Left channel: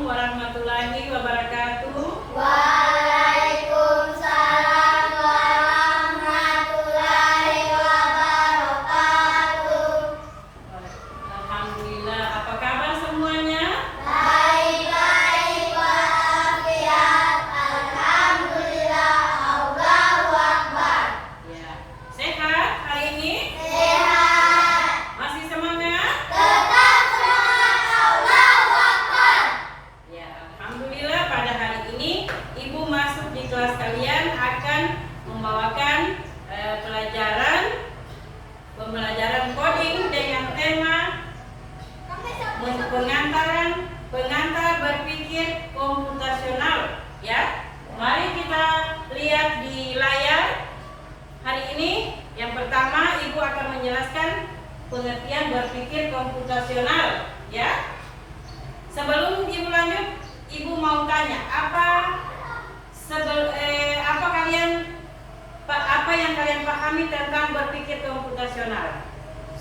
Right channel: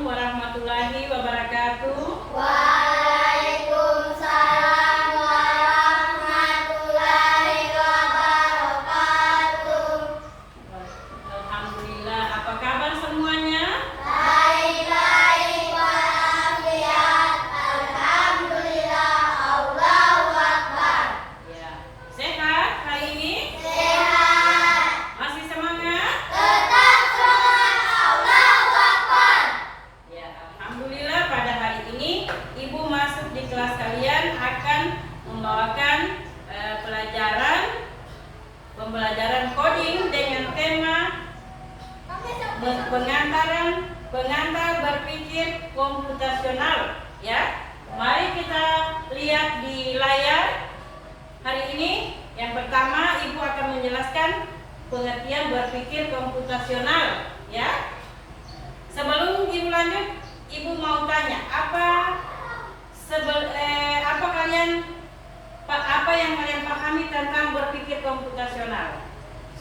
Assalamualaikum warahmatullahi wabarakatuh. Waalaikumsalam warahmatullahi wabarakatuh. Alhamdulillah, apa kabar semuanya? Baik-baik walafiat. Alhamdulillah. Allahu Akbar. Ya, sehat hari ini? Sehat. Masih semangat? Tetap semangat. Allahu Akbar. Ya, alhamdulillah pada hari ini Ibu masuk di kelas kalian akan membawakan pembelajaran coding dengan tema pengantar berpikir komputasional. Ya, mari kita lihat di layar. Hari ini yang pertama Ibu akan menjelaskan pengertian berpikir komputasional. Ya, sebelum Ibu lanjut, Ibu mau tanya apa yang kalian pahami tentang berpikir komputasional?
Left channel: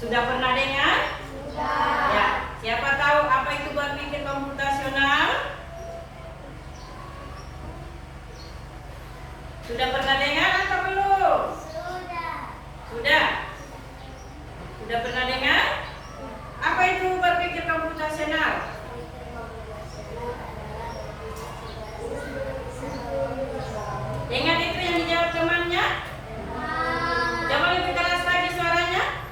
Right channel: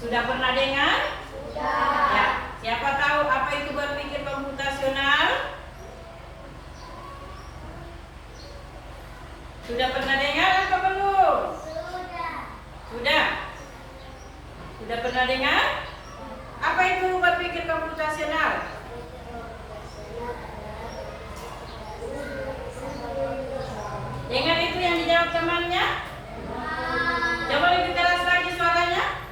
Sudah pernah dengar? Sudah. Ya, siapa tahu apa itu berpikir komputasional? Sudah pernah dengar atau belum? Sudah. Sudah? Sudah pernah dengar? Apa itu berpikir komputasional? Ingat itu yang dijawab temannya? Coba lebih keras lagi suaranya.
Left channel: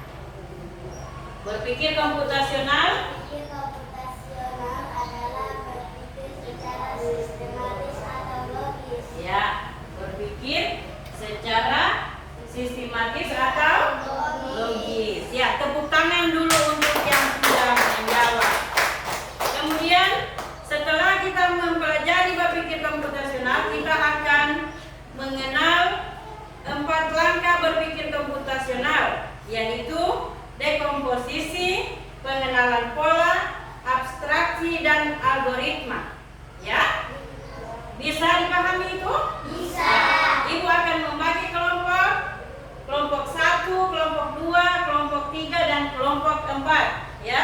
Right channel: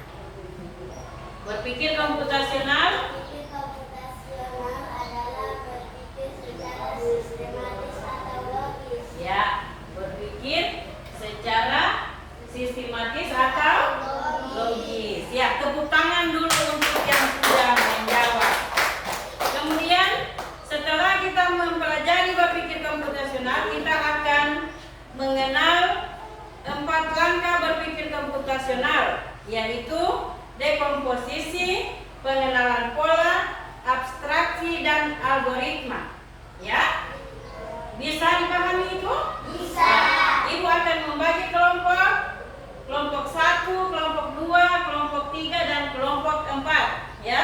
Berpikir komputasional Berpikir komputasional adalah berpikir secara sistematis atau logis. ya, berpikir secara sistematis atau logis. Ya, tepuk tangan dulu untuk yang sudah menjawab. Kemudian setelah kita mempelajari berpikir komputasional, kita akan mengenal 4 langkah berpikir komputasional, yaitu dekomposisi, pengenalan pola, abstraksi, dan algoritma. Ya, bisa dipahami itu? Bisa. Ibu akan membagi kelompok 1, kelompok 2, kelompok 3, dan kelompok 4. Ya,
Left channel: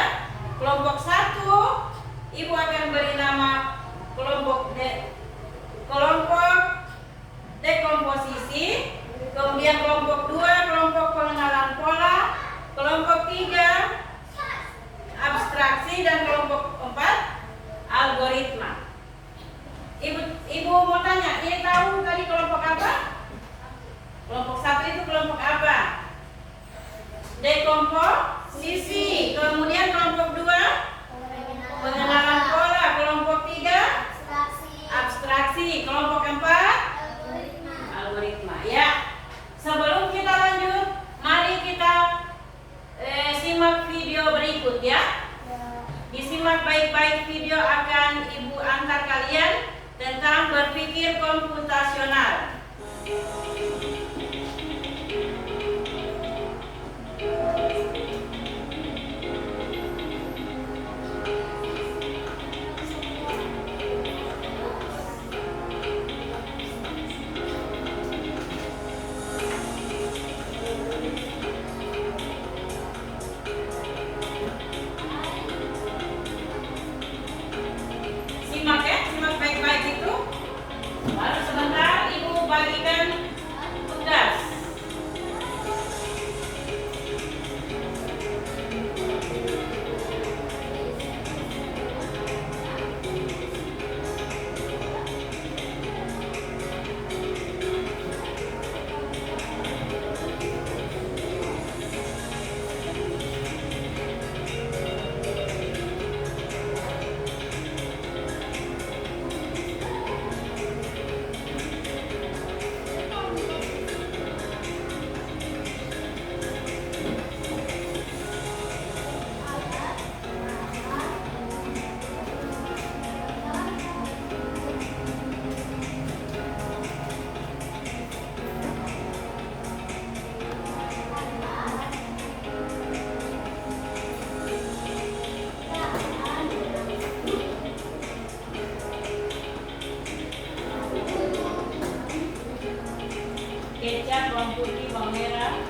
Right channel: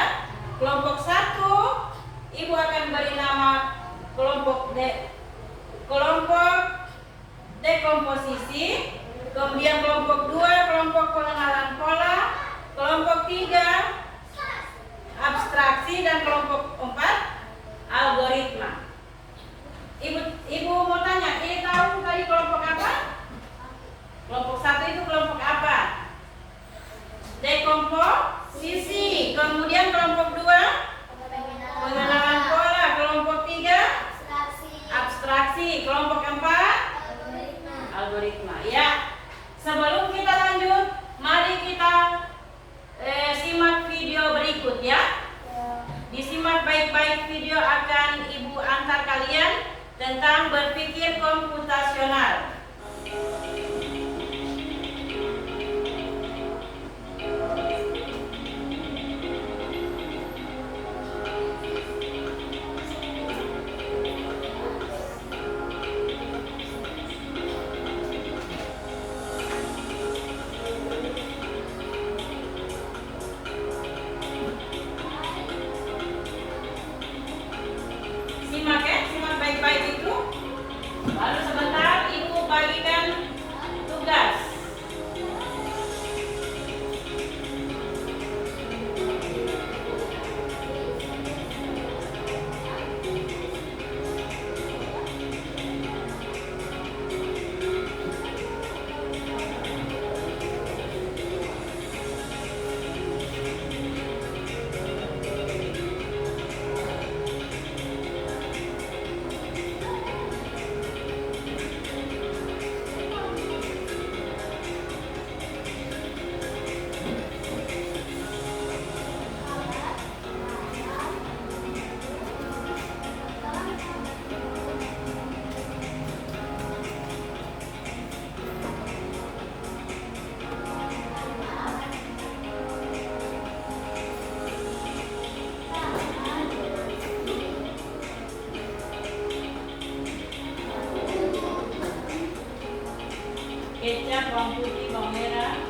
kelompok 1 Ibu akan beri nama kelompok dekomposisi, kemudian kelompok 2 kelompok pengenalan pola, kelompok 3 abstraksi, dan kelompok 4 algoritma. Ibu mau tanya, ini tahu tadi kelompok apa? Kelompok 1 itu kelompok apa? Dekomposisi. Kemudian kelompok 2 pengenalan pola, kelompok 3 abstraksi, kelompok 4 algoritma. Ya, sebelum kita lanjut, mari kita simak video berikut ya. Disimak baik-baik, video akan Ibu antar kalian tentang berpikir komputasional. Simak ya, simak baik-baik itu. Lalu sebentar Ibu bagikan tugas. Kecap, bawang putih, bawang merah.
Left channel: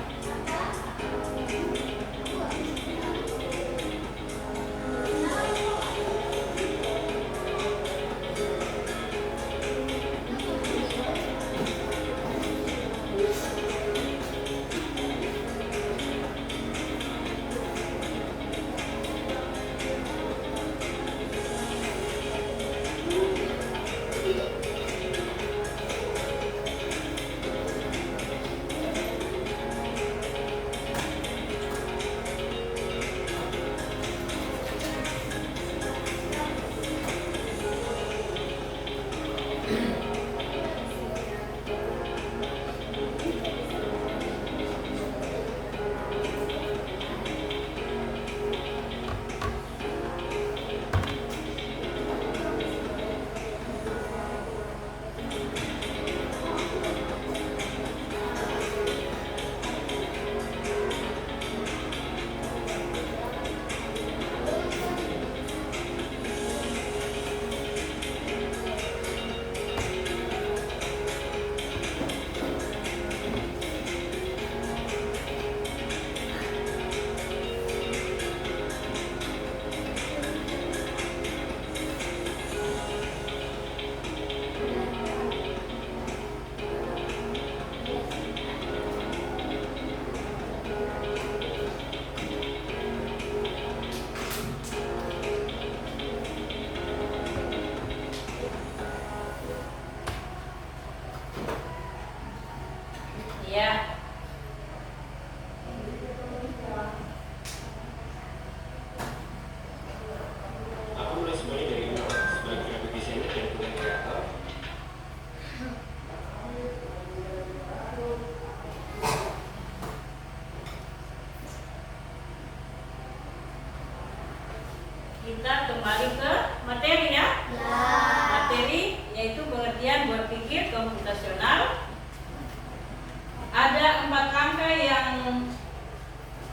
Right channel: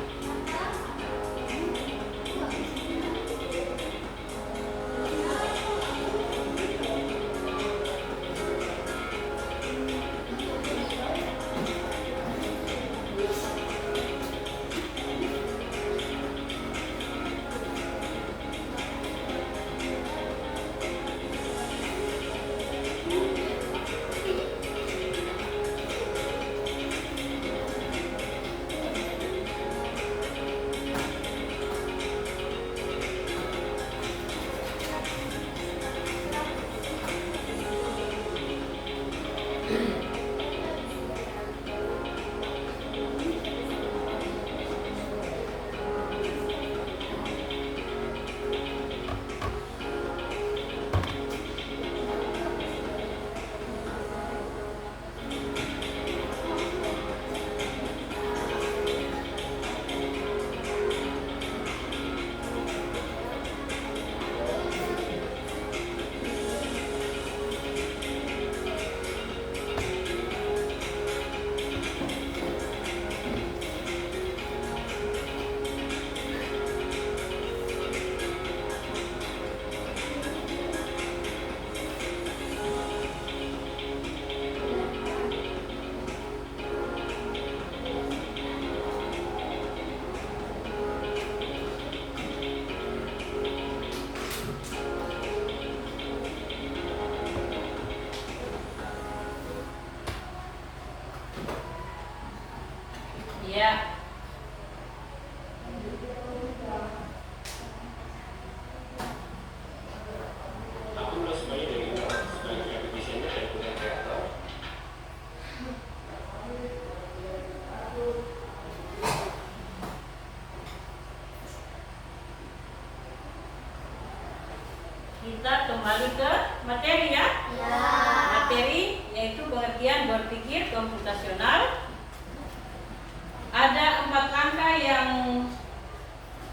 kita kembali ke materi ya. Materi yaitu pengertian berpikir komputasional. Ada 4 angka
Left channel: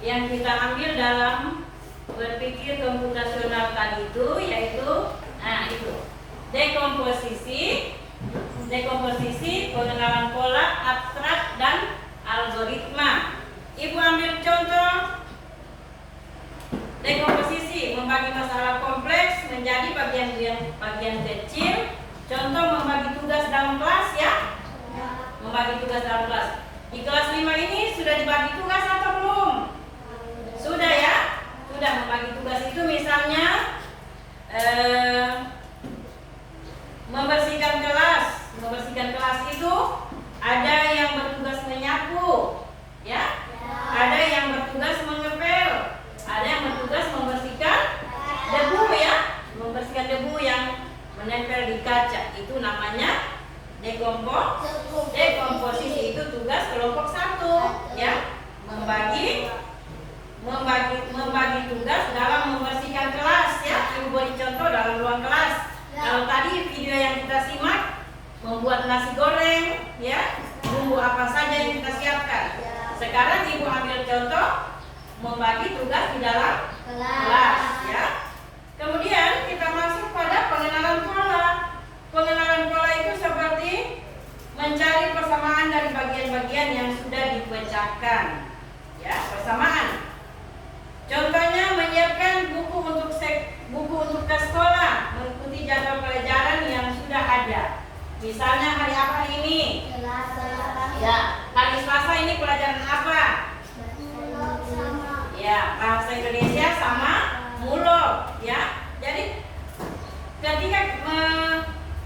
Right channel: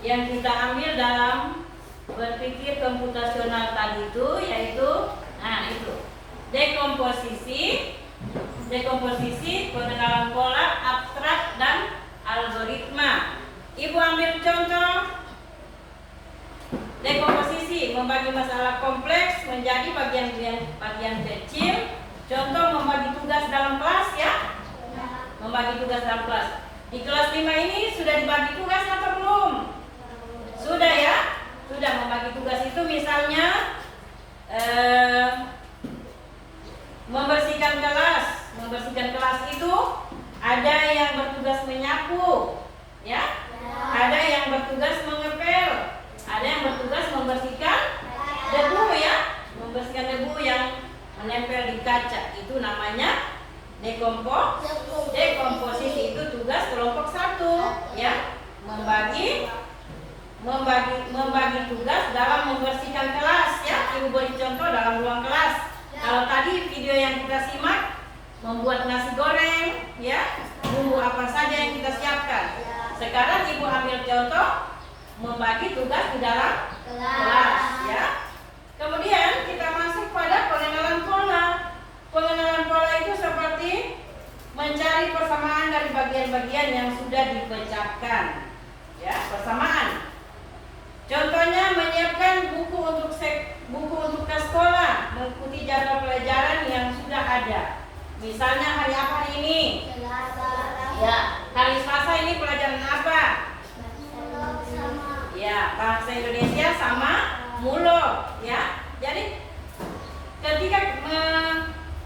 yang kita ambil dalam berpikir komputasional tadi itu, yaitu dekomposisi, pengenalan pola, abstrak, dan algoritma. Ibu ambil contoh dekomposisi, membagi masalah kompleks menjadi bagian kecil. Contoh membagi tugas dalam kelas ya. Membagi tugas dalam kelas. Di kelas 5 ini sudah dibagi tugas atau belum? Sudah ya? Sudah. Membagi tugas itu misalnya membersihkan kelas. Membersihkan kelas itu ada yang bertugas menyapu, ya. Ada yang bertugas mengepel, ada yang bertugas membersihkan debu ya. Membersihkan debu yang menempel di kaca. Itu namanya dekomposisi. Itu tugas kelompok 1 ya. Membagi tugas dalam membersihkan kelas ya. Ibu beri contoh dalam ruang kelas. Kalau tadi video yang kita simak membuat nasi goreng ya, bumbu apa saja yang kita siapkan. Sekarang ibu ambil contoh membagi tugas di dalam kelas ya. Kemudian kita masuk pada pengenalan pola. Pengenalan pola itu seperti mencari persamaan dari bagian-bagian yang sudah dipecahkan ya, persamaan. Contohnya menyiapkan buku untuk ke sekolah, mengikuti jadwal pelajaran yang sudah ada. Misalnya hari apa hari ini? Ya, hari Selasa ini pelajaran apa? Ya, bahasa Indonesia sama mulok ya. Jadi ketika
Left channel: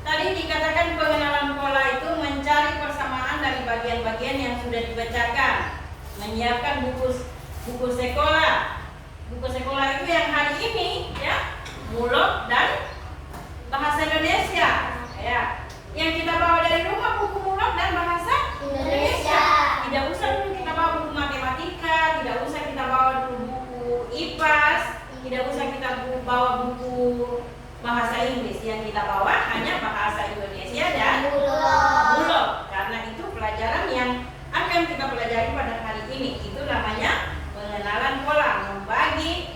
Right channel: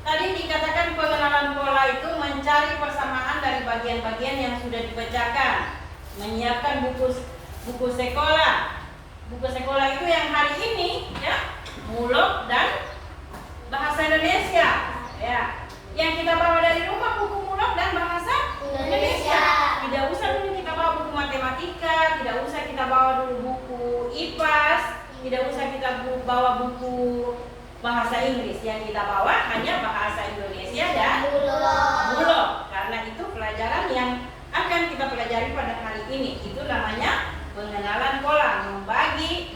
tadi dikatakan pengenalan pola itu mencari persamaan dari bagian-bagian yang sudah dipecahkan, menyiapkan buku sekolah. Buku sekolah itu yang hari ini ya, mulok dan bahasa Indonesia ya. Yang kita bawa dari rumah buku mulok dan bahasa Indonesia. Tidak usah dulu kita bawa buku matematika, tidak usah kita bawa dulu buku IPAS, tidak usah kita bawa buku bahasa Inggris. Yang kita bawa hanya bahasa Indonesia dan mulok. Karena itu pelajaran yang akan kita pelajari pada hari ini. Itu namanya pengenalan pola,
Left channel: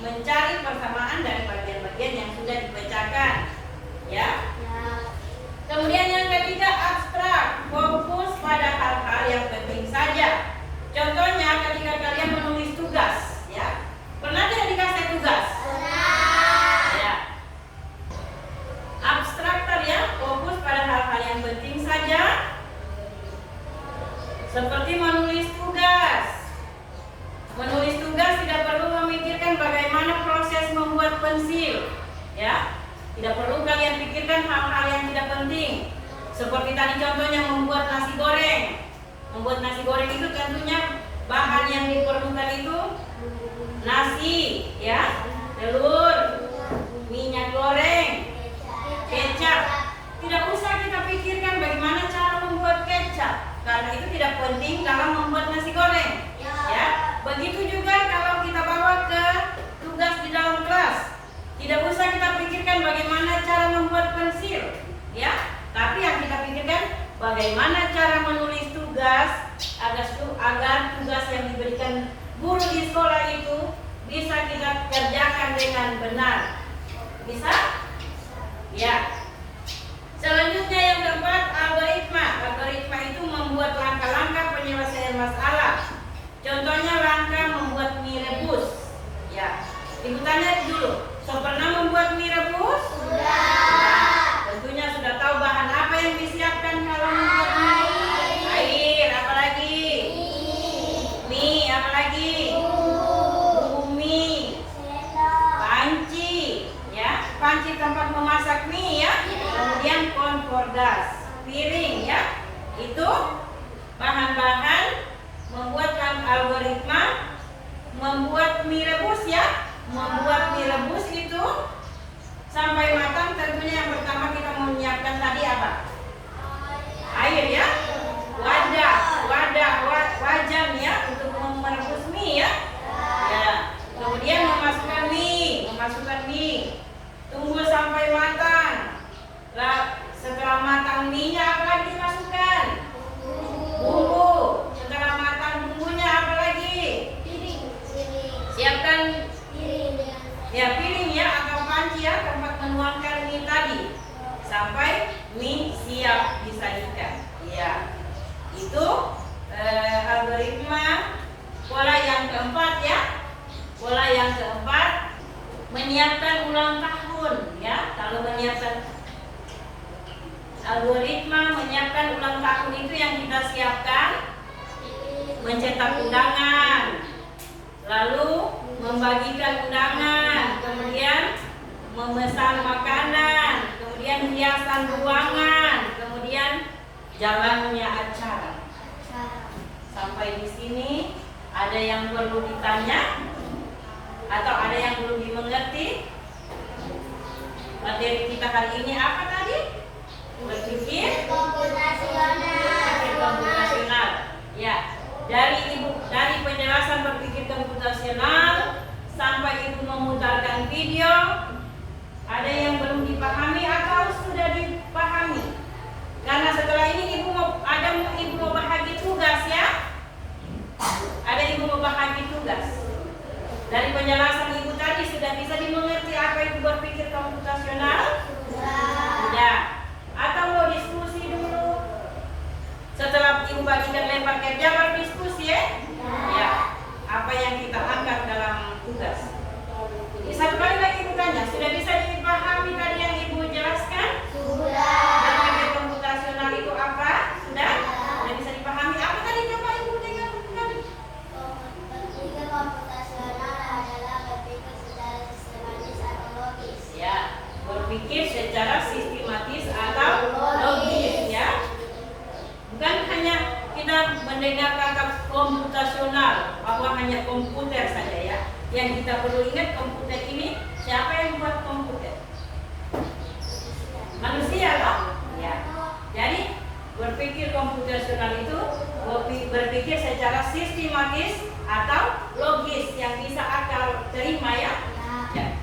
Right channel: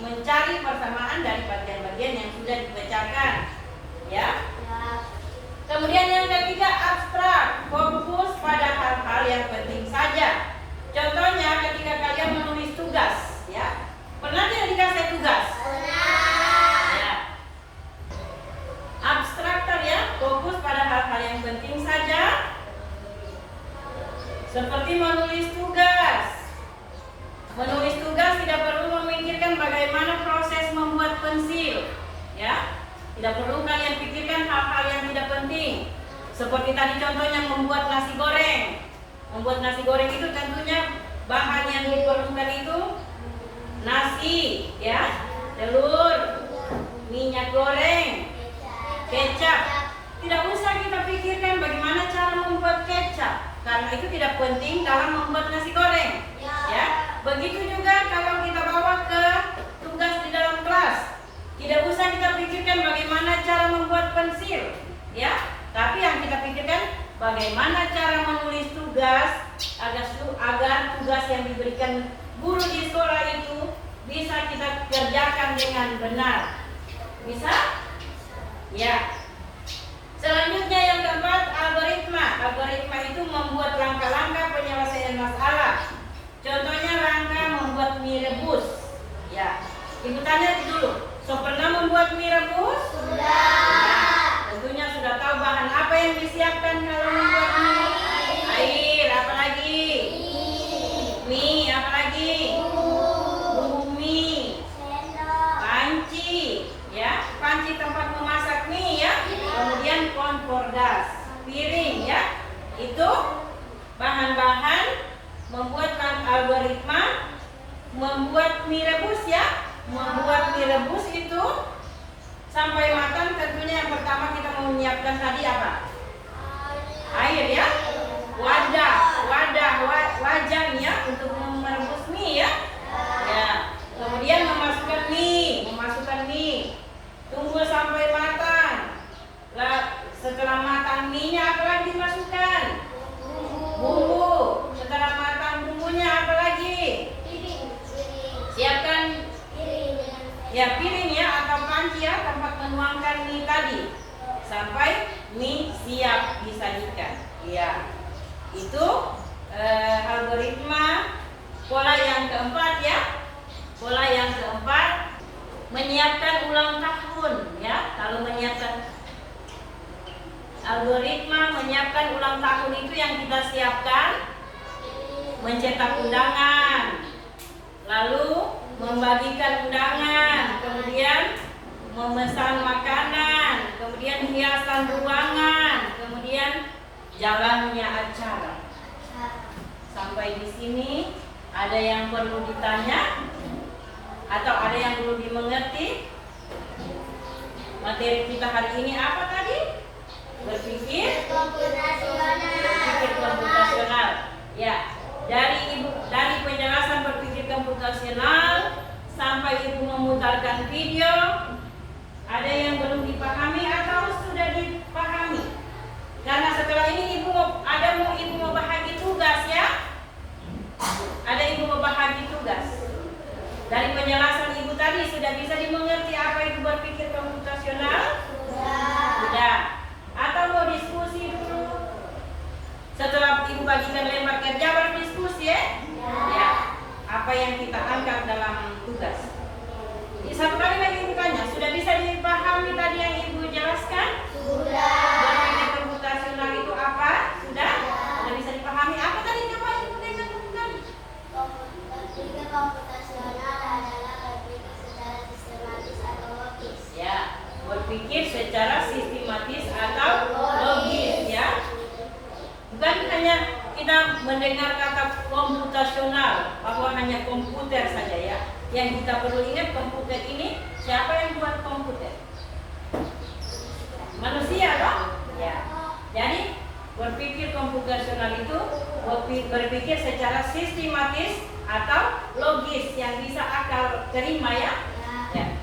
mencari persamaan dari bagian-bagian yang sudah dipecahkan ya. Kemudian yang ketiga, abstrak, fokus pada hal-hal yang penting saja. Contohnya ketika kalian menulis tugas ya. Pernah tidak dikasih tugas? Pernah ya. Abstraktor ya, fokus pada hal-hal yang penting saja, seperti menulis tugas. Menulis tugas tidak perlu memikirkan bagaimana proses membuat pensil ya. Tidak perlu kalian pikirkan hal-hal yang tidak penting. Seperti tadi contohnya membuat nasi goreng. Membuat nasi goreng itu tentunya bahan yang diperlukan itu nasi ya, telur, minyak goreng, kecap. Tidak usah kita pikirkan bagaimana cara membuat kecap, karena itu tidak penting dalam membuat nasi goreng ya. Begitu juga kalau kita bawa ke tugas di dalam kelas, tidak usah kita pikirkan bagaimana cara membuat pensil ya, tapi yang kita pikirkan bagaimana cara menulis tugas agar tugas yang diberikan guru di sekolah itu bisa kita kerjakan dengan benar. Bisa? Ya. Selanjutnya yang keempat, algoritma. Algoritma itu membuat langkah-langkah penyelesaian masalah. Contohnya langkah membuat mie rebus ya. Ibu tanya dulu, so pernah membuat mie rebus? Sudah. Nah, tentunya sudah tahu bahan apa yang disiapkan kalau membuat mie. Air, apa lagi? Mie, apa lagi? Bumbu mie. Panci, ya. Panci tempat memasak mie ya. Kemudian kompor gas, piring ya. Itu bahan-bahan membuat algoritma membuat mie rebus ya. Membuat mie rebus itu sampai matang, tentunya yang pertama kita menyiapkan tadi apa? Air ya. Wajan ya untuk merebus mie ya. Ya. Kemudian memasukkan mie. ya tempat menuangkan mie tadi sampai mie siap disajikan. Ya, itu algoritma pola yang keempat ya. Pola yang keempat, menyiapkan ulang tahun ya. Kalau menyiapkan algoritma menyiapkan ulang tahun itu yang kita siapkan, mencetak undangan, lalu membagikan undangan, kemudian memesan makanan, kemudian hiasan ruangan, kemudian jalannya acara. Sampai di sini ada yang perlu ditanya atau ada yang perlu dimengerti? Materi kita hari ini apa tadi? Berpikir komputasional. Ya, dari penjelasan berpikir komputasional sampai ibu memutarkan video, ada yang belum dipahami atau sudah dipahami? Karena setelah ini ibu mau bahagi tugas ya. Ada ibu mau bahagi tugas. Dari penjelasan ibu tadi sudah bisa dimengerti apa itu berpikir komputasional? Sudah. Atau mau diskusi dulu? Setelah ibu bagikan lembar kerja berdiskusi ya? Ya. Apa yang kita angkat dalam tugas? Jadi satu kali lagi ibu tanya, sudah bisa dipahami tadi yang ibu jelaskan? Sudah. Berpikir komputasional itu apa? Sudah? Sudah bisa dipahami? Apa tadi coba ibu dengar kembali? Berpikir komputasional adalah berpikir secara sistematis atau logis. Ya, berpikir secara sistematis atau logis ya. Bukan hanya kita mendengar kata komputasional bahwa hanya komputer saja ya. Yang kita perlu ingat, komputer ini siapa yang buat komputer? Manusia loh. Ya. Jadi berpikir komputasional itu berpikir secara sistematis atau logis yang bisa akal terima ya. Ya.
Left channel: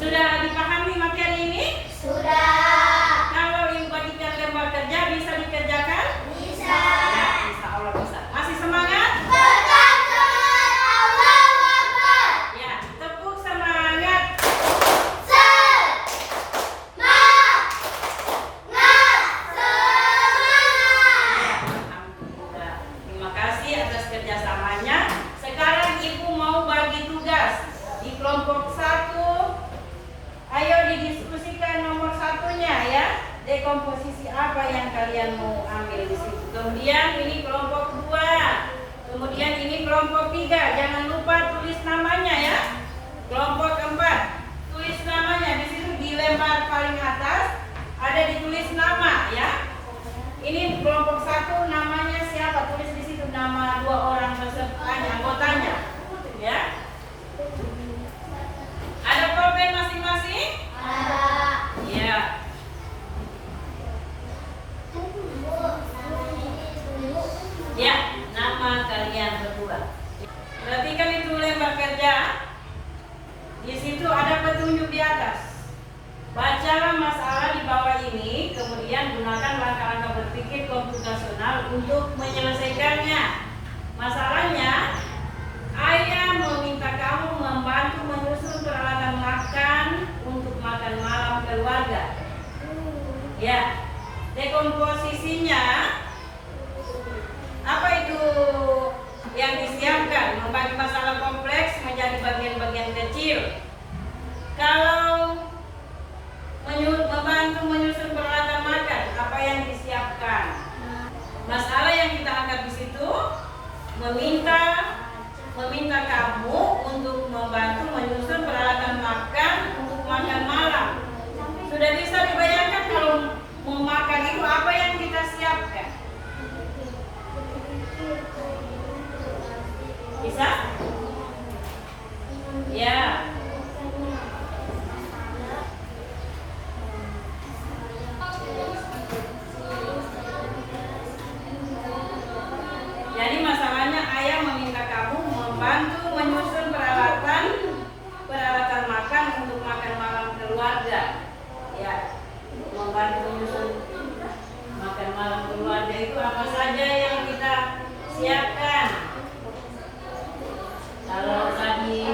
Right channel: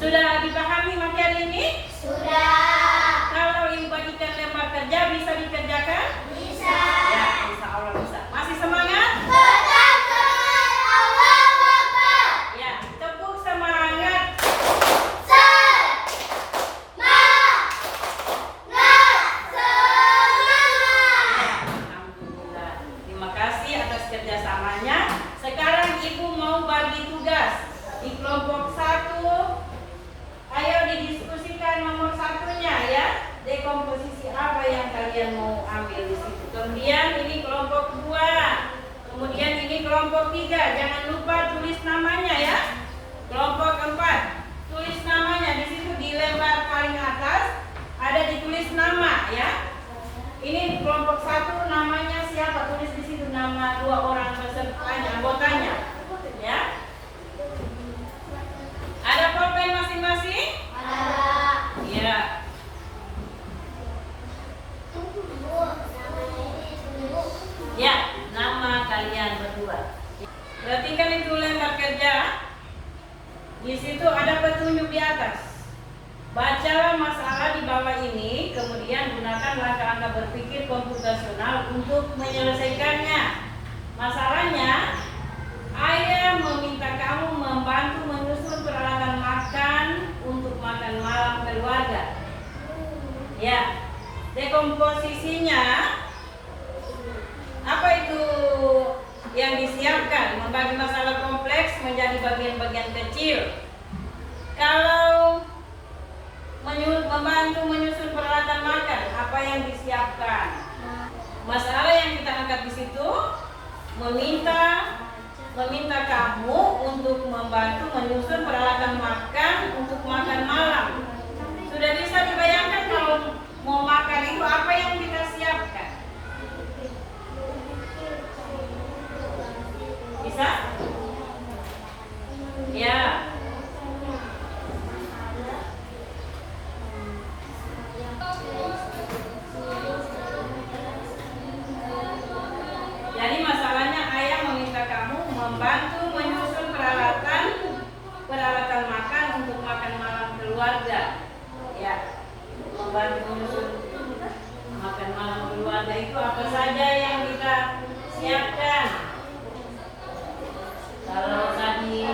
Sudah dipahami materi ini? Sudah. Kalau ibu bagikan lembar kerja bisa dikerjakan? Bisa. Ya, insya Allah bisa. Masih semangat? Tetap semangat. Allahu Akbar. Ya, tepuk semangat. Alhamdulillah. Terima kasih atas kerjasamanya. Sekarang ibu mau bagi tugas di kelompok 1. Ayo didiskusikan nomor satunya ya. Dekomposisi apa yang kalian mau ambil di situ. Kemudian ini kelompok 2. Kemudian ini kelompok 3. Jangan lupa tulis namanya ya. Kelompok 4. Tulis namanya di situ di lembar paling atas ada ditulis nama ya. Ini kelompok 1 namanya siapa? Tulis di situ nama 2 orang pesertanya, anggotanya. Ya. Ada pulpen masing-masing? Ada. Iya. Ya, nama kalian berdua. Perhatikan itu lembar kerja. Di situ ada petunjuk di atas. Bacalah masalah di bawah ini, kemudian gunakan langkah-langkah berpikir komputasional untuk menyelesaikannya. Masalahnya, ayah meminta kamu membantu menyusun peralatan makan untuk makan malam keluarga. Ya, dekomposisinya apa itu yang disiapkan? Membagi masalah kompleks menjadi bagian-bagian kecil. Kalau membantu menyusun peralatan makan, apa yang disiapkan? Masalah yang kita angkat di situ meminta kamu untuk membantu menyusun peralatan makan untuk makan malam. Sudah bisa dibayangkan kalau mau makan itu apa yang kita siapkan? Bisa? Ya. Jadi masalahnya ayah meminta kamu membantu menyusun peralatan makan untuk makan malam keluarga. Ya, membantu menyusun makan malam keluarga itu apa saja yang kita siapkan? Kalau tadi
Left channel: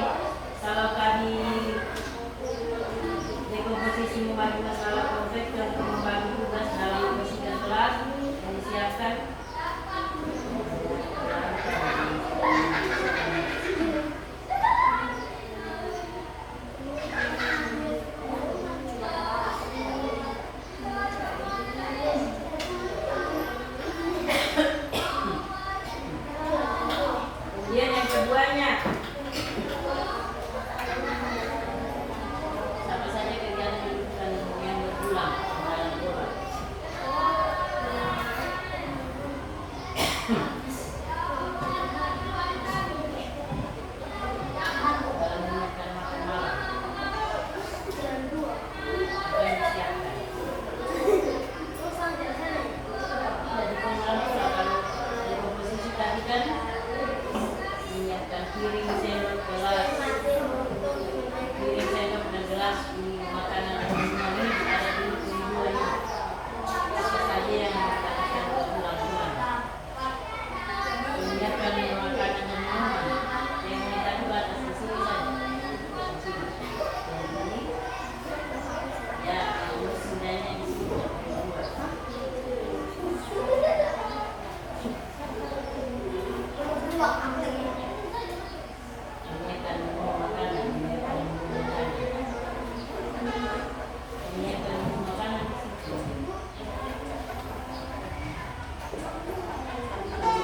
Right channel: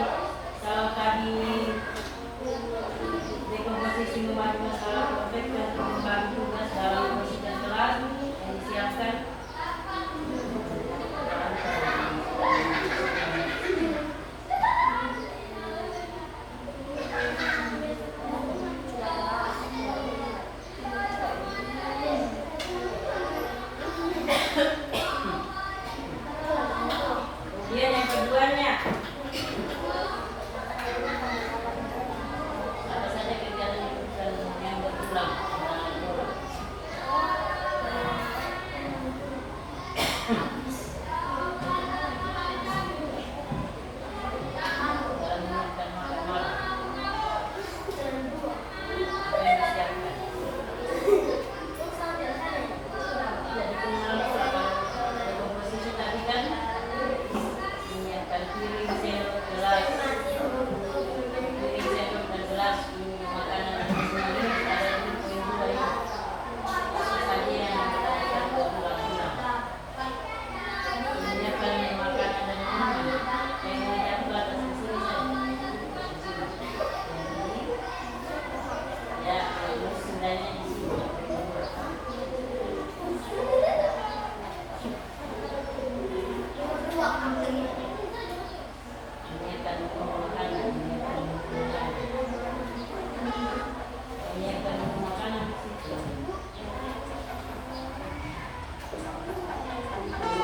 Menyiapkan makanan.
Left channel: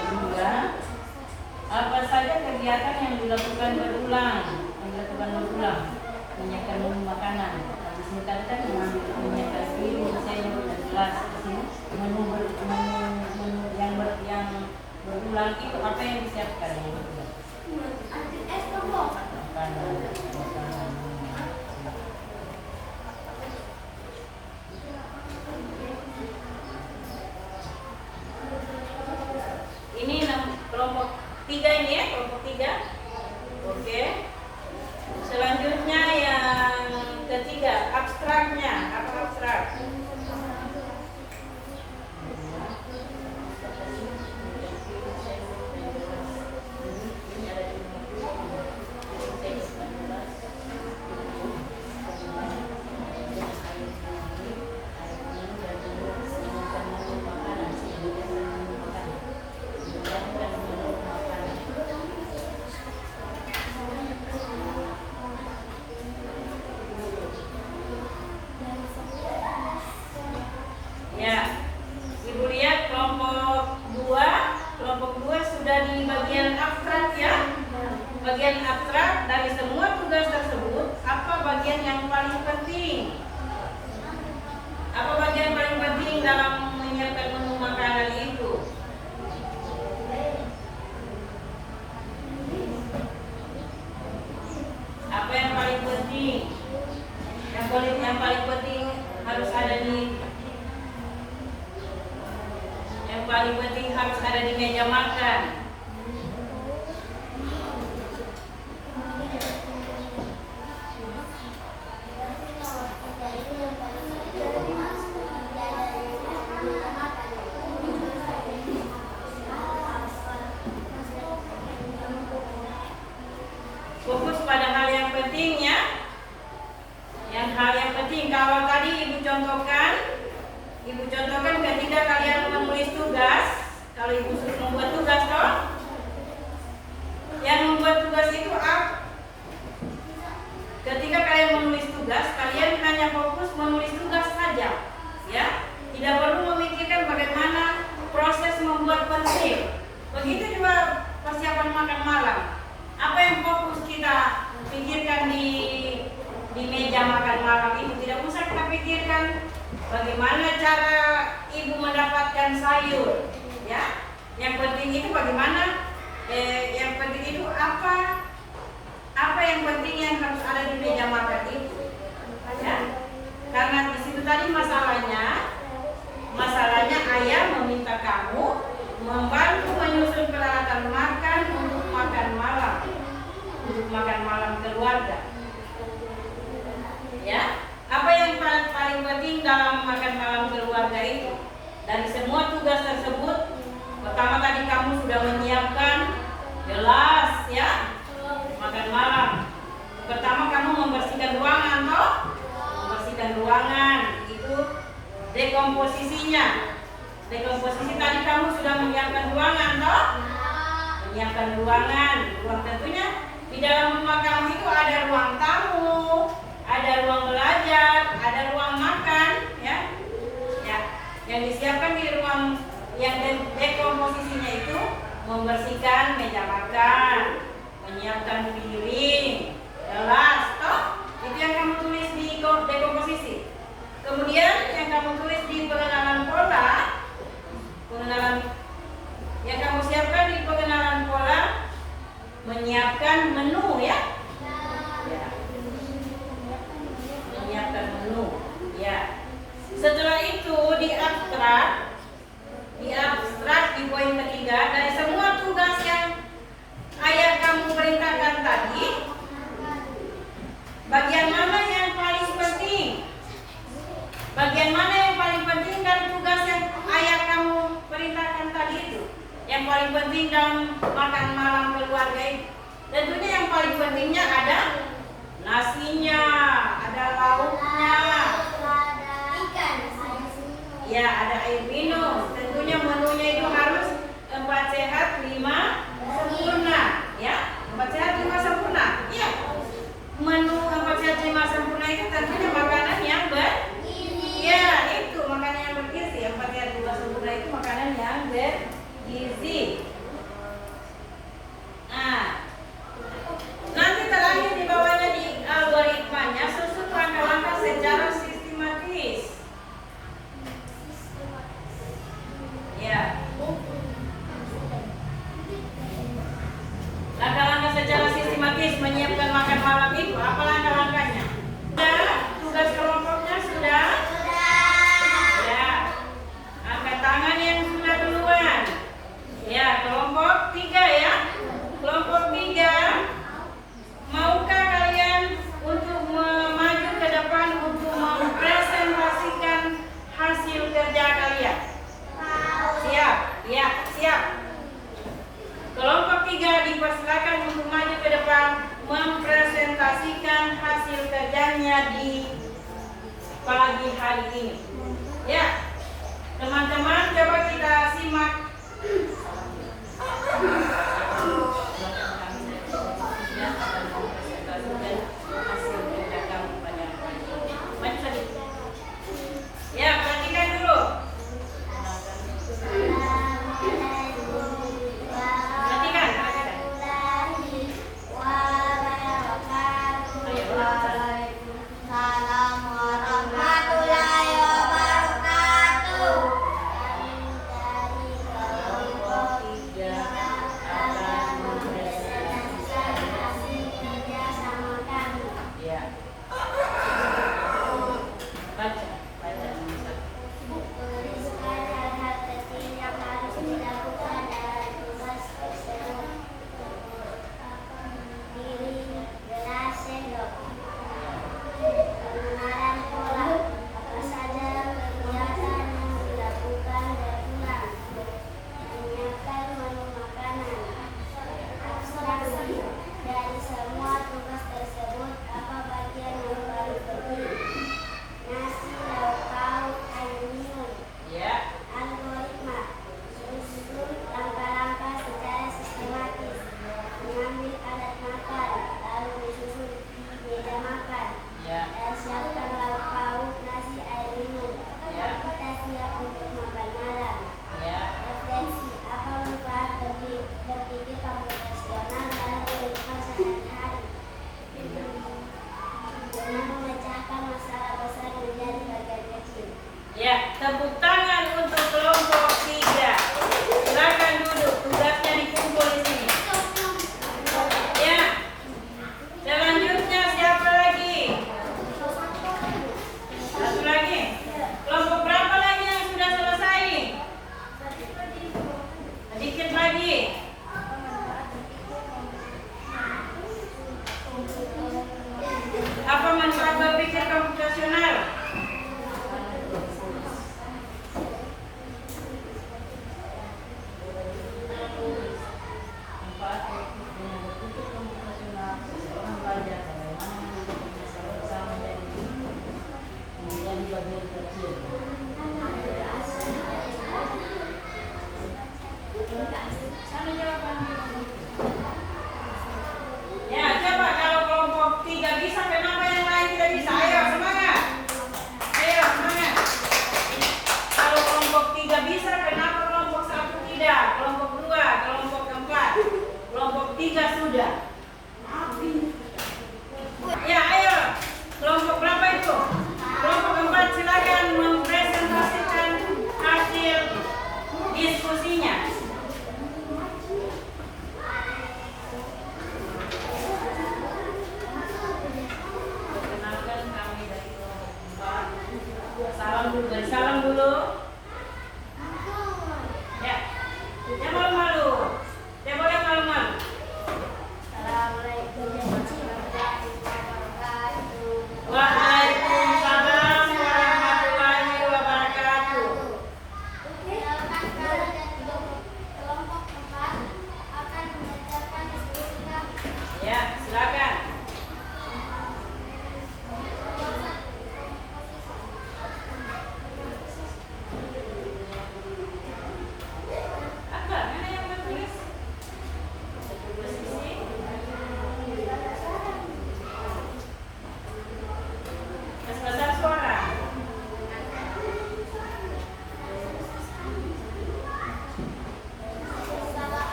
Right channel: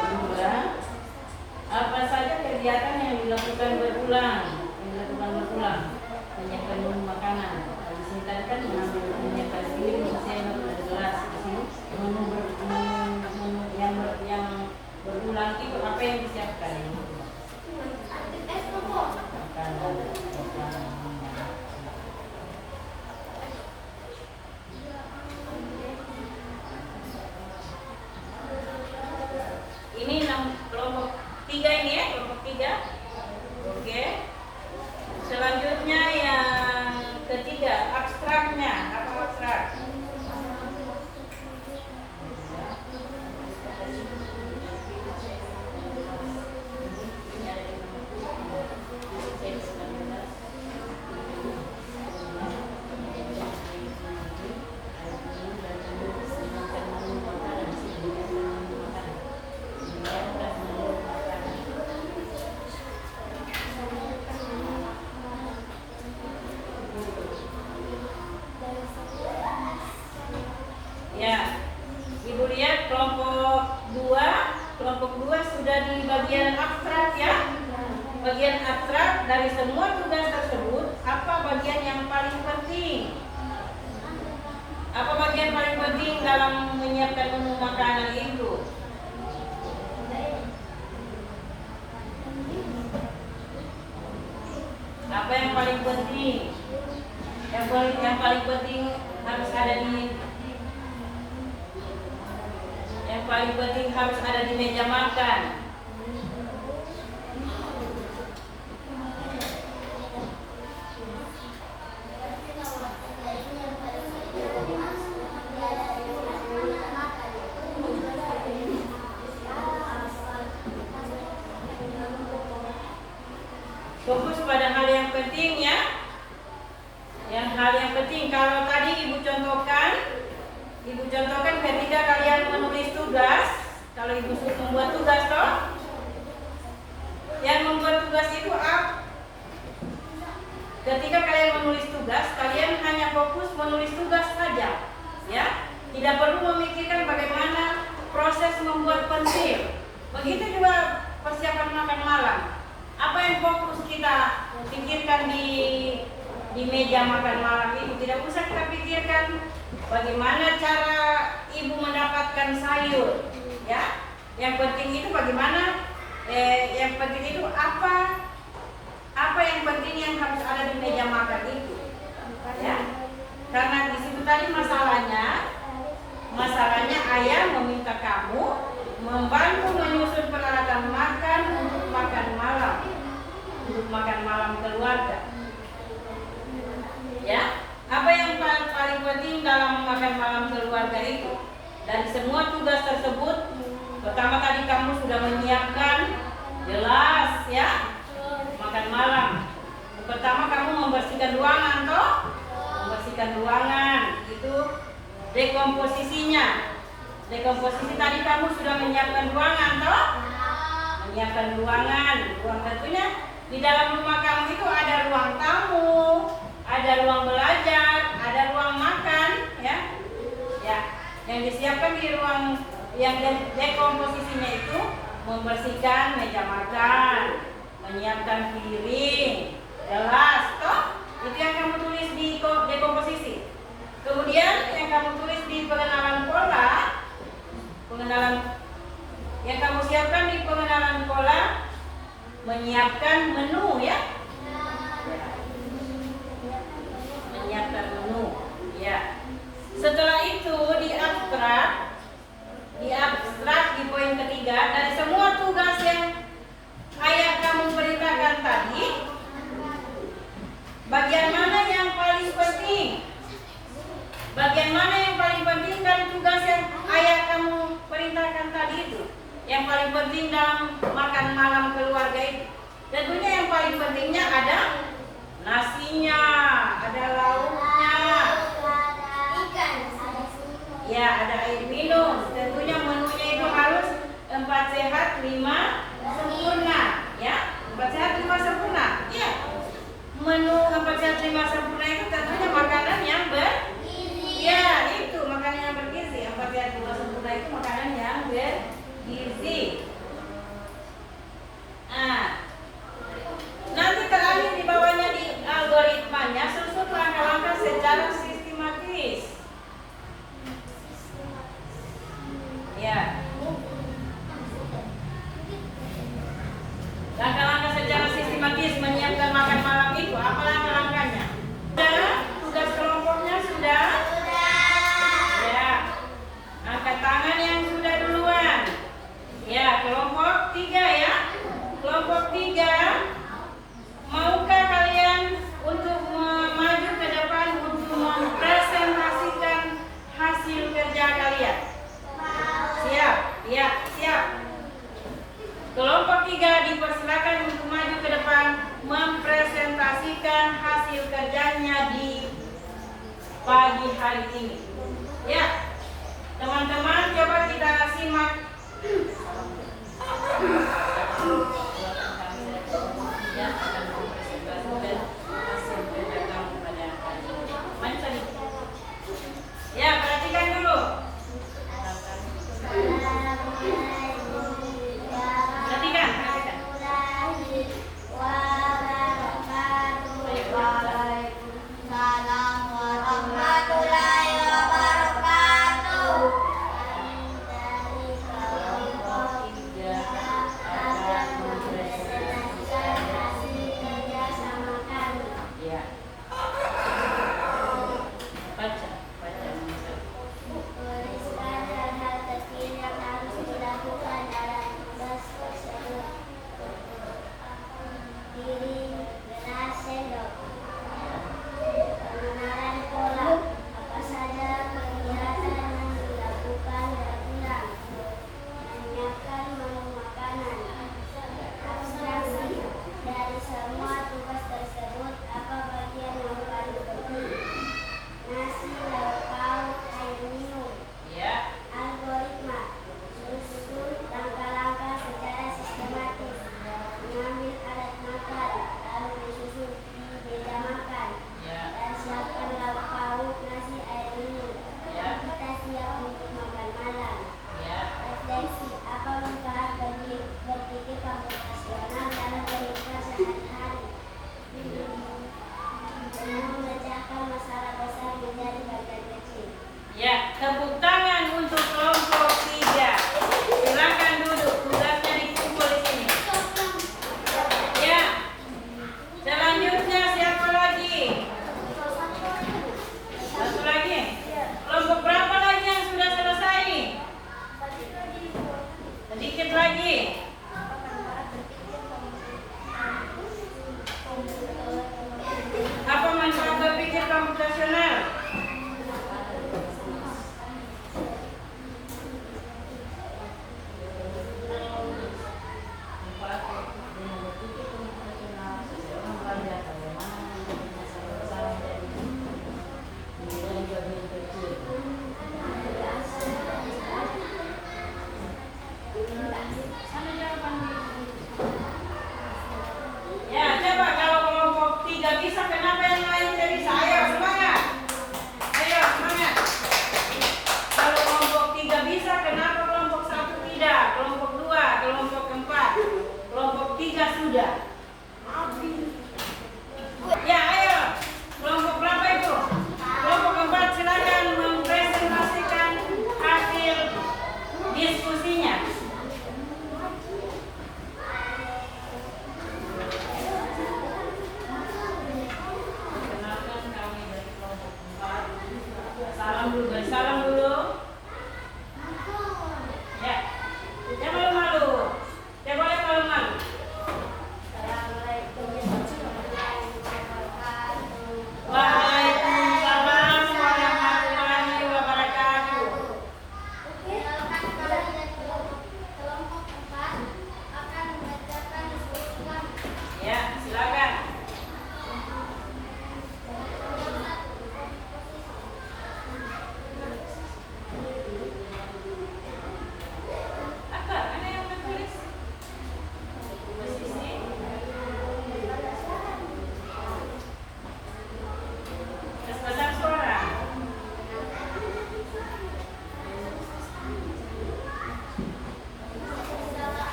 Kedua, apa saja kegiatan yang dilakukan berulang? Menyiapkan menu makanan. Di sini tadi kan menyiapkan piring, sendok, dan gelas. Di sini menu yang berulang itu apa yang disiapkan? Yang berulang? Makanan. Ini kelompok 3 ini ya, kelompok 3. Oke. Selanjutnya yang ketiga, abstraknya. Apa abstrak? Ya, Ibu lihat kelompok 2 sudah di bagian abstrak ya. Bagian abstrak dari semua tugas tersebut, apa bagian yang paling penting? Apa bagian paling penting dalam menyiapkan menu makanan itu? Apa yang paling penting? Yang paling penting harus ada di meja makan. Fokus pada hal yang penting ya. Hal yang penting, kalau tadi Ibu contohkan ketika kalian menulis tugas, kalau Ibu suruh membuat tugas toh, yang membuat tugas itu apa? Ketika kalian menulis tugas, kalian hanya fokus menulis tugas saja, ya. Tidak perlu memikirkan bagaimana proses membuat pensil. Begitu juga persiapan makan malam. Apa yang fokus kita pikirkan di meja makan malam itu? Tidak usah kita pikirkan bagaimana cara Ibu mendapatkan sayur, ya. Yang penting itu bagaimana, yang penting itu apa yang penting yang harus ada di meja makan itu, ya. Karena di situ tadi masalahnya ayah meminta kamu membantu menyusun peralatan makan untuk makan malam keluarga. Ya, apa yang paling penting dalam makan malam keluarga itu? Dari semua tugas tersebut, pertama tadi kamu sudah menyiapkan gelas, ya, makan malam. Pertama kamu membersihkan ruangan, toh? Membersihkan ruangan itu dekomposisinya. Dekomposisi tadi kamu sudah menyiapkan ruangan, toh? Menyiapkan ruangan. Ruang tentunya di dalam rumah kamu itu ada ruang tamu, ada ruang belajar, ada ruang makan, ya. Ya, yang disiapkan di ruang yang dekomposisinya itu membersihkan meja makan, menyiapkan piring, gelas, toh? Itu yang kamu tulis di dekomposisi. Kemudian yang kamu tulis di pengenalan pola, yang kamu siapkan di pengenalan pola, menyiapkan menu, ya. Menyiapkan menu, ya. Setelah itu di abstrak di poin ketiga, dari semua tugas yang ayah kamu perintahkan tadi, bagian mana yang paling penting? Bagian mana yang paling penting dari tugas yang ayah kamu perintahkan tadi itu? Yang paling penting dalam makan malam keluarga itu? Tentunya yang paling pentingnya ada nasinya, ada lauknya, Ikan. ya, ada air minum. Tentunya menunya itu harus 4 sehat 5 sempurna, ya. 4 sehat 5 sempurna, ya. Menu 4 sehat 5 sempurna itu tentunya makan secara sistematis. Ya. Langkah-langkah secara sistematis menyiapkan makan malam itu apa langkah-langkahnya? Sudah? Tugas kelompoknya sudah? Ya. Angkat tangan yang sudah duluan. Ya, kelompok 3 ya. Kelompok 3, maukah kalian untuk maju ke depan untuk mempresentasikan hasil kerja kalian? Siap? Ya, siap. Kelompok 3 dipersilakan untuk maju ke depan mempresentasikan hasil kerjanya di pagi hari ini. Ya, teman-teman coba kita simak. Ya, perhatikan dulu. Perhatikan. Waalaikumsalam warahmatullahi wabarakatuh. Dari kelompok 3 akan mempresentasikan hasil kerja sama kami. Ya. Baca. Tuliskan hal-hal kecil yang harus dilakukan dalam tugas tersebut. Piring, gelas, sendok. Pengenalan pola. Apa saja kegiatan yang dilakukan berulang. Menyiapkan menu makanan. Abstraksi. Dari semua tugas tersebut, apa bagian yang paling penting? Nasi, lauk pauk, air minum. Ya. Algoritma. Susun langkah-langkah secara sistematis. Mengambil alat makan, lalu disusun di meja makan. Ya. Dan siapkan lauk pauk, nasi, air minum. Ya. Kita siap untuk makan malam. Ya. Refleksi. Apa manfaat berpikir komputasional dalam kehidupan sehari-hari? Dengan memecahkan masalah besar menjadi bagian kecil. Ya, tepuk tangan untuk kelompok 3. Silakan duduk, tugasnya dikumpul di sini. Ya. Selanjutnya siapa lagi? Satu lagi. Kelompok berapa lagi yang sudah selesai? Sedikit lagi. Apa manfaat berpikir komputasional?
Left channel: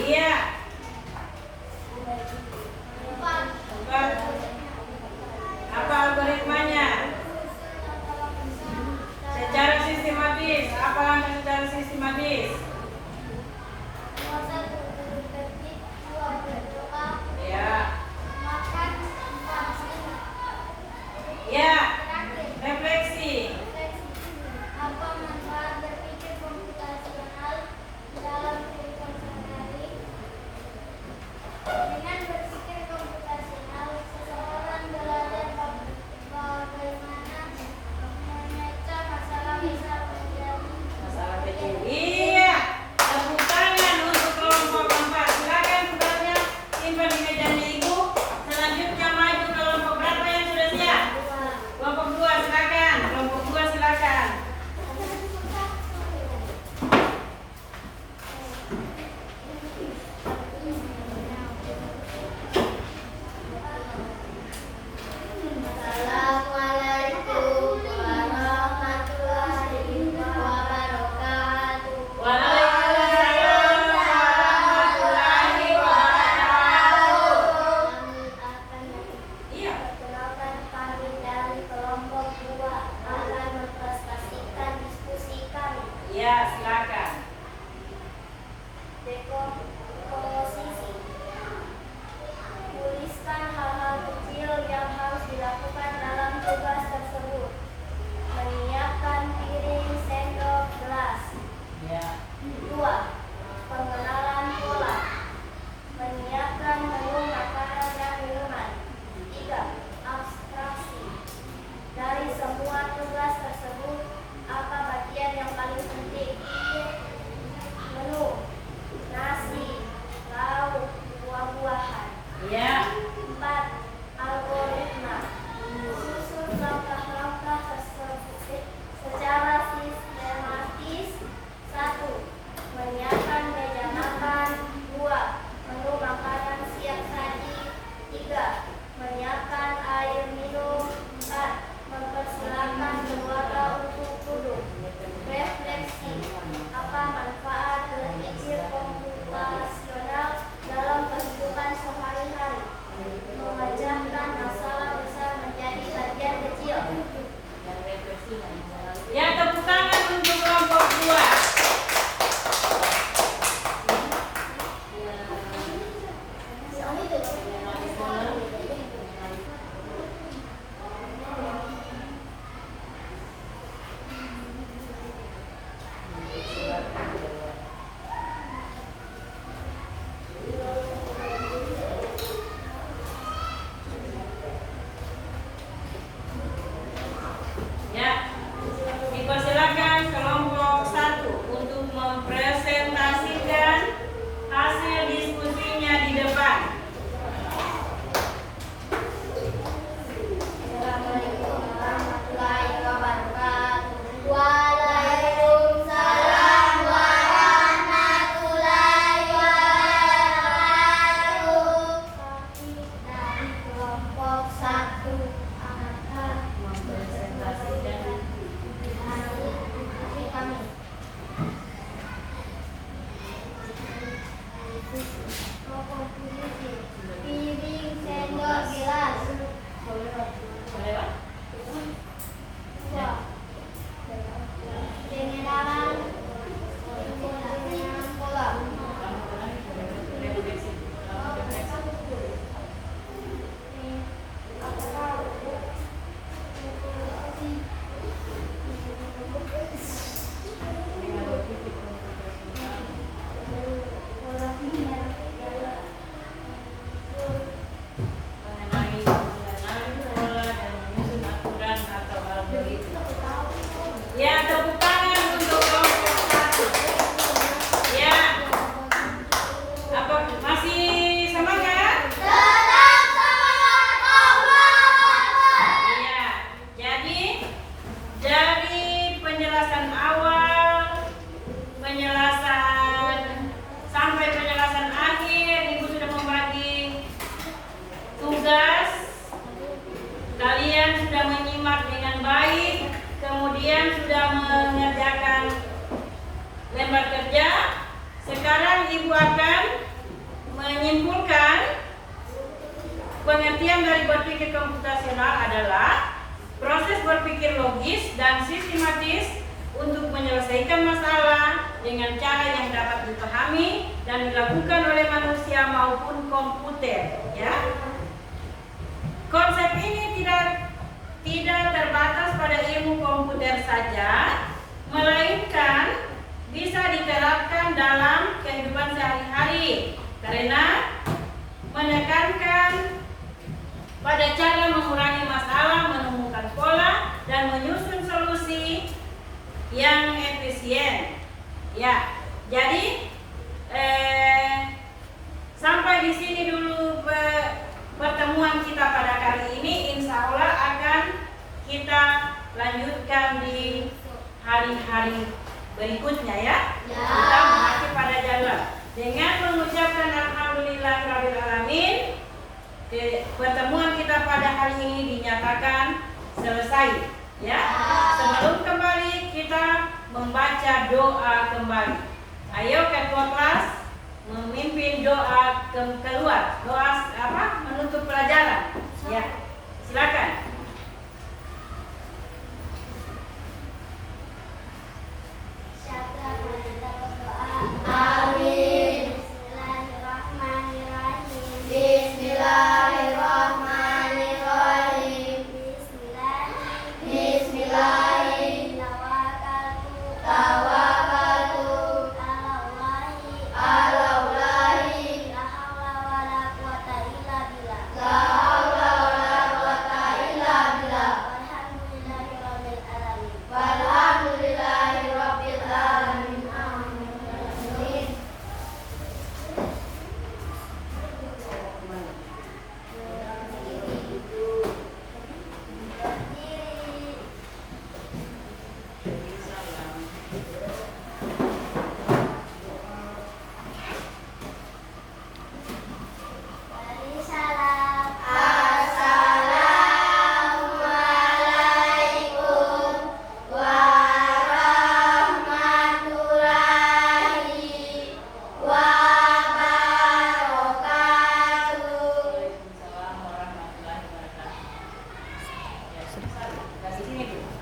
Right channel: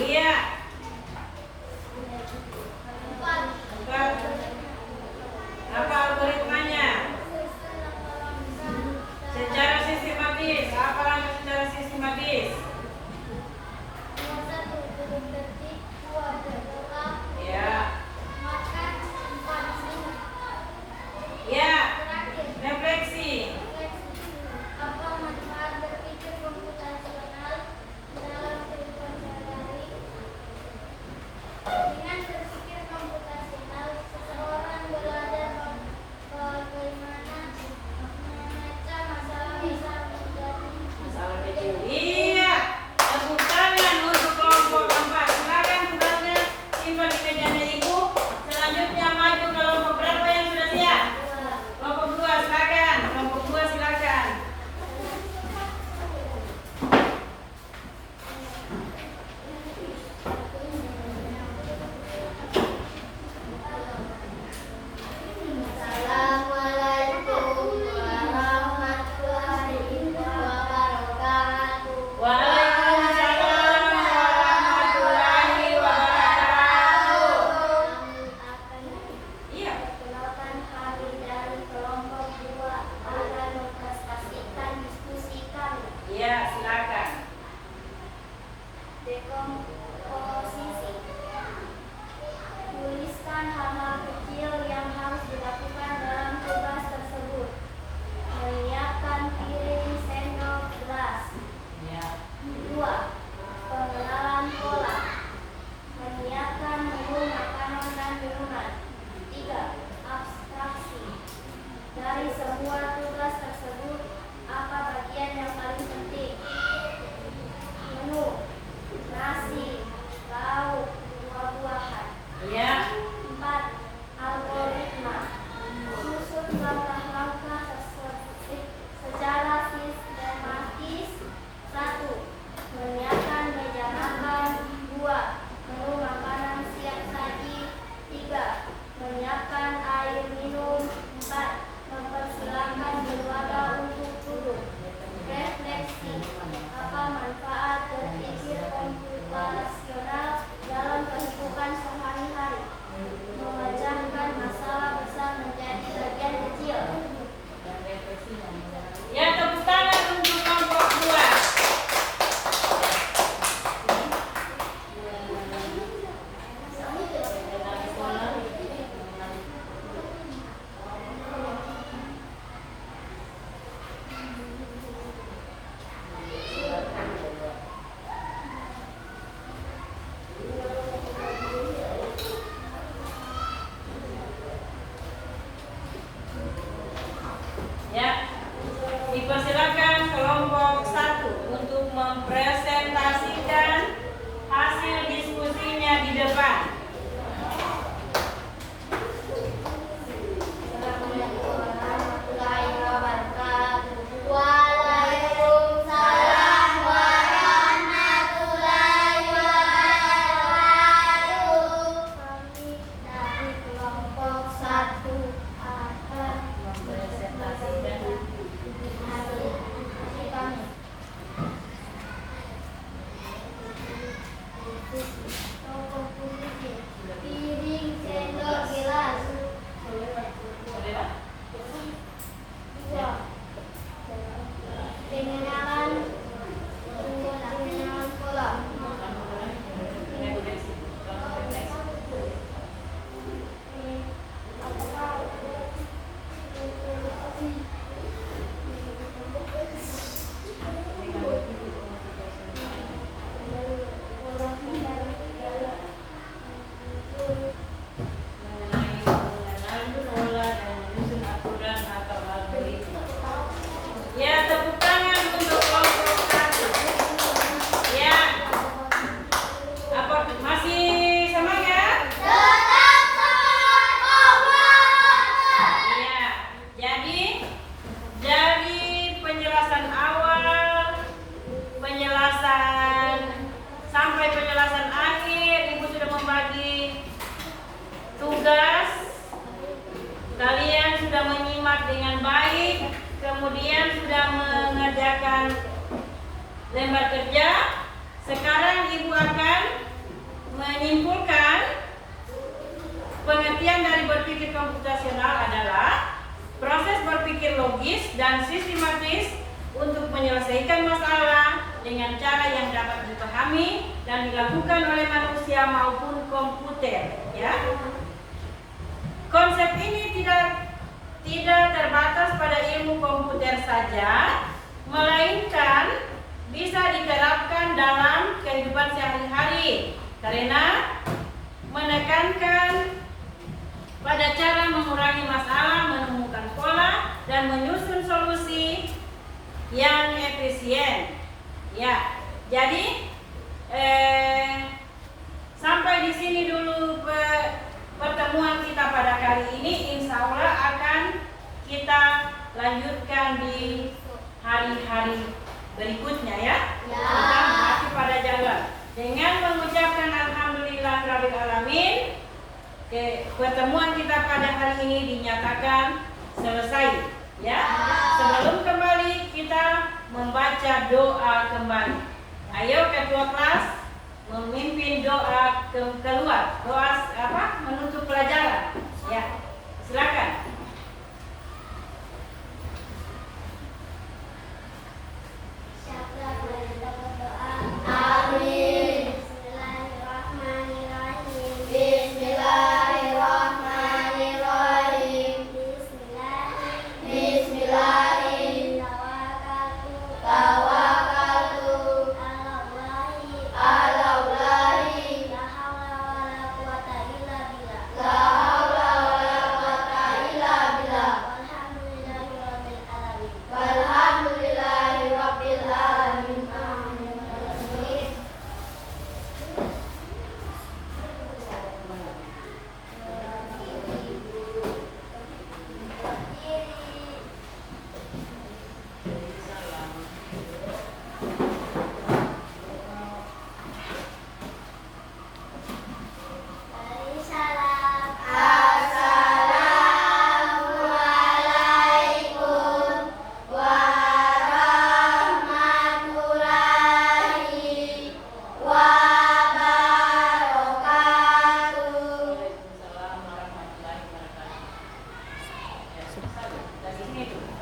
Iya. Empat. Apa algoritmanya? Secara sistematis. Apa langkah secara sistematis? Nomor 1, duduk tertib. 2, berdoa. Ya. Makan. 4, minum. Ya. Terakhir, Refleksi. refleksi. Apa manfaat berpikir komputasional dalam kehidupan sehari-hari? Dengan berpikir komputasional, seseorang belajar bagaimana memecah masalah besar menjadi Masalah kecil. Iya. Tepuk tangan untuk kelompok 4. Silakan sebenarnya simpan di mejanya ibu. Selanjutnya maju ke kelompok berapa yang sudah siap? Kelompok 2 silakan. Kelompok 2 silakan. Assalamualaikum warahmatullahi wabarakatuh. Waalaikumsalam warahmatullahi wabarakatuh. Kami akan Iya. memperkenalkan kami dari kelompok 2 akan mempresentasikan diskusi kami. Iya, silakan. Dekomposisi. Tuliskan hal-hal kecil yang harus dilakukan dalam tugas tersebut. Menyiapkan piring, sendok, gelas. Ya. 2. Pengenalan pola. Menyiapkan menu makanan dan minuman. 3. Abstraksi. Dari semua tugas tersebut, apa bagian yang paling penting? Menu, nasi, lauk, buah-buahan. Iya. 4. Algoritma. Susun langkah-langkah tersebut secara sistematis. 1. Menyiapkan meja makan. 2. Menu makanan siap saji. 3. Menyiapkan air minum. 4. Mempersilahkan keluarga untuk duduk. Refleksi. Apa manfaat berpikir komputasional dalam kehidupan sehari-hari? Memecahkan masalah besar menjadi bagian kecil. Ya, tepuk tangan untuk kelompok 2. Ya. Dipersilakan kelompok 1 untuk mempresentasikan hasil diskusinya di depan. Assalamualaikum warahmatullahi wabarakatuh. Waalaikumsalam warahmatullahi wabarakatuh. Kami dari kelompok 1 akan mempresentasikan hasil diskusi kami. Komposisi. Piring, sendok, gelas. 2. Pengenalan pola. Mengenali pola dan menyusun aturan atau algoritma. Ya, tepuk tangan untuk kelompok 1. Ya. Apa masih semangat? Iya. Jadi dari penjelasan awal, penjelasan sampai penjelasan akhir, Ibu sudah membagi tugas. Kalian sudah menyimak dengan baik, kemudian sudah mengerjakan lembar kerja. Sekarang Ibu akan menyimpulkan, pengertian dari berpikir komputasional adalah proses berpikir logis dan sistematis untuk menyelesaikan masalah dengan cara yang dapat dipahami dan dilakukan oleh manusia maupun komputer. Ya. Konsep ini tidak terbatas pada ilmu komputer saja, melainkan bisa diterapkan dalam kehidupan sehari-hari karena menekankan pada cara mengurangi masalah, menemukan pola, dan menyusun solusi yang efisien. Ya, jadi sampai di sini dulu pertemuan kita pada kali ini. Insya Allah akan kita lanjutkan di hari-hari berikutnya ya. Kita masih pada jalan dengan mengucapkan alhamdulillahirabbil alamin. Pertemuan kita pada hari ini dinyatakan selesai ya. Sebelum kembali kita membaca doa kembali. Ayo ketua kelas memimpin doa keluar. Doa menutup pelajaran. Ya. Silakan. Siapa yang kita berdoa? Amin. Bismillahirrahmanirrahim. Bismillahirrahmanirrahim. Tawakkaltu alallahi. La haula wala quwata illa billah. Walhamdulillahirabbil alamin. Amin. Assalamualaikum warahmatullahi wabarakatuh. Waalaikumsalam warahmatullahi wabarakatuh. Ya, dari sini tuh.